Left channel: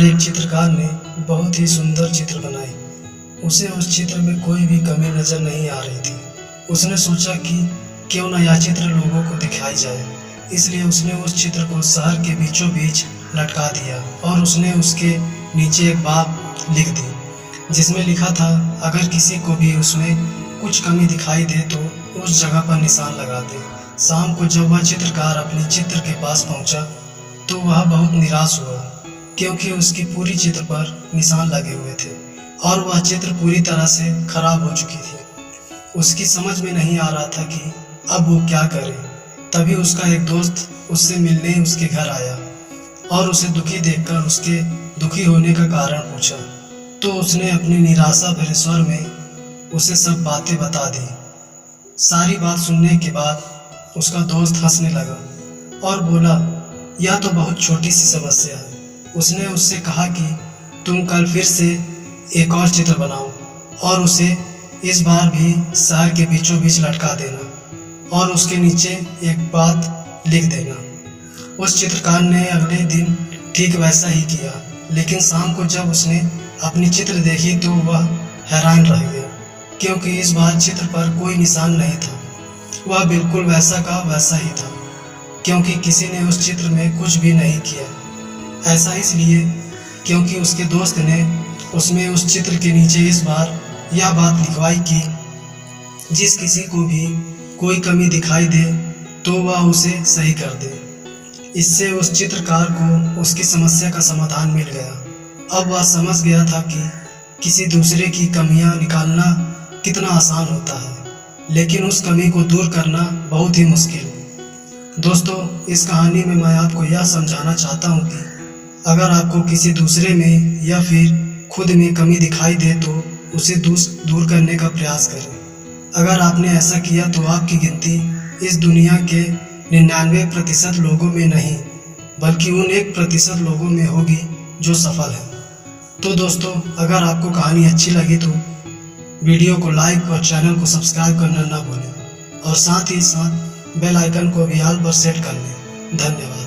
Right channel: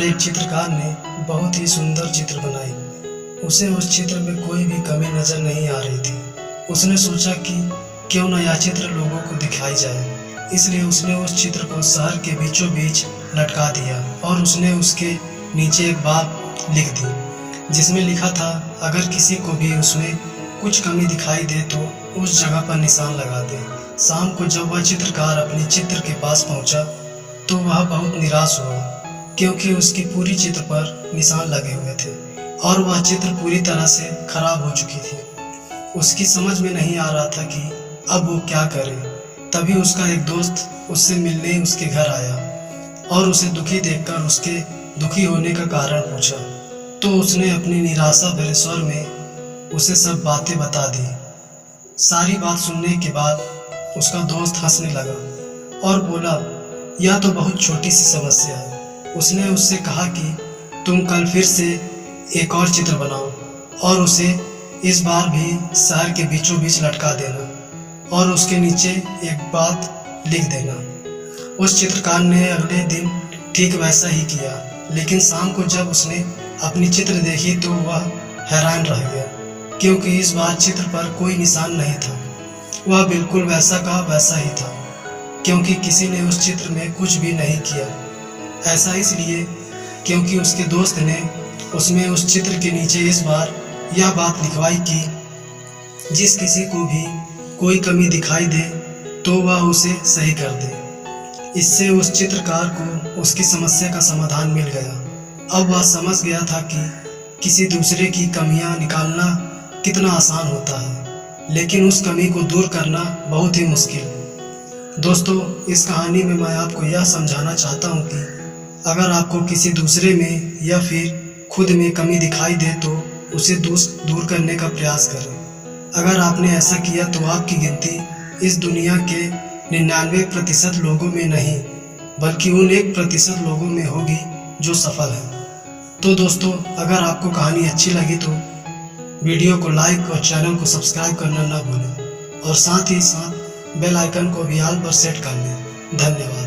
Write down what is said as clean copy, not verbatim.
एक चित्रकार ने बहुत ही सुंदर चित्र बनाई। उसे उस चित्र में कोई भी कमी नज़र नहीं आ रही थी। उसने सोचा कि क्यों न यह चित्र लोगों को दिखाई जाए। इसलिए उसने उस चित्र को शहर के बीचों बीच लटका दिया और उसने उसके नीचे एक बात लिख दी जिसमें लिखा था, अगर किसी को भी उसमें कुछ कमी दिखाई दे तो उस जगह पर निशान लगा दे। शाम को जब वह चित्रकार अपने चित्र के पास पहुंचा तो वह बहुत निराश हुआ क्योंकि उसकी पूरी चित्र पर निशान लगे हुए थे और वह चित्र पूरी तरह से खराब हो चुकी थी। उसकी समझ में नहीं आ रहा था कि अब वो क्या करे। तभी उसका एक दोस्त उससे मिलने उसके घर आया और उसे दुखी देखकर उसके दुखी होने का कारण पूछा। तो उसने अपनी निराशा भरे स्वर में उसे सब बातें बता दी। सारी बात सुनने के बाद उसका दोस्त हंसने लगा और बोला, यह तो बहुत छोटी सी समस्या है। उसने उससे कहा कि तुम कल फिर से एक और चित्र बनाओ और उसे इस बार भी शहर के बीचों बीच लटका देना और उसके नीचे एक बात लिख देना। उस चित्रकार ने अगले दिन ठीक वैसा ही किया, लेकिन शाम को जब उसने अपनी चित्र देखी तो वह हैरान रह गया क्योंकि इस बार चित्र पर कोई निशान नहीं था। वह बिल्कुल वैसा का वैसा ही था क्योंकि किसी ने उस चित्र में कुछ भी नहीं किया। ऐसा इसलिए क्योंकि उसके दोस्त ने उसमें उस चित्र के नीचे इस बार यह बात लिखवाई कि जिस किसी को भी कोई कमी दिखाई दे तो वह उसे सही कर दे। इससे उस चित्रकार को उसकी समस्या का समाधान मिल गया। अब वह समझ गया था कि किसी दूसरे की कमियां निकालना कितना आसान होता है, लेकिन उस कमी को दूर करना बहुत ही मुश्किल। दोस्तों, इस कहानी में मैं आपको यह समझाना चाहता हूँ कि अगर आपको किसी दूसरे में या फिर खुद में कमी दिखाई दे तो उसे दूर करने का प्रयास करें। अगर आपने ऐसा किया तो आपकी गिनती इस दुनिया के 99% लोगों में नहीं बल्कि उन 1% लोगों में होगी जो सफल है। तो दोस्तों, अगर आपको कहानी अच्छी लगी तो वीडियो को लाइक और चैनल को सब्सक्राइब करना ना भूलें और साथ ही साथ बेल आइकन को भी ऑल पर सेट कर लें। धन्यवाद।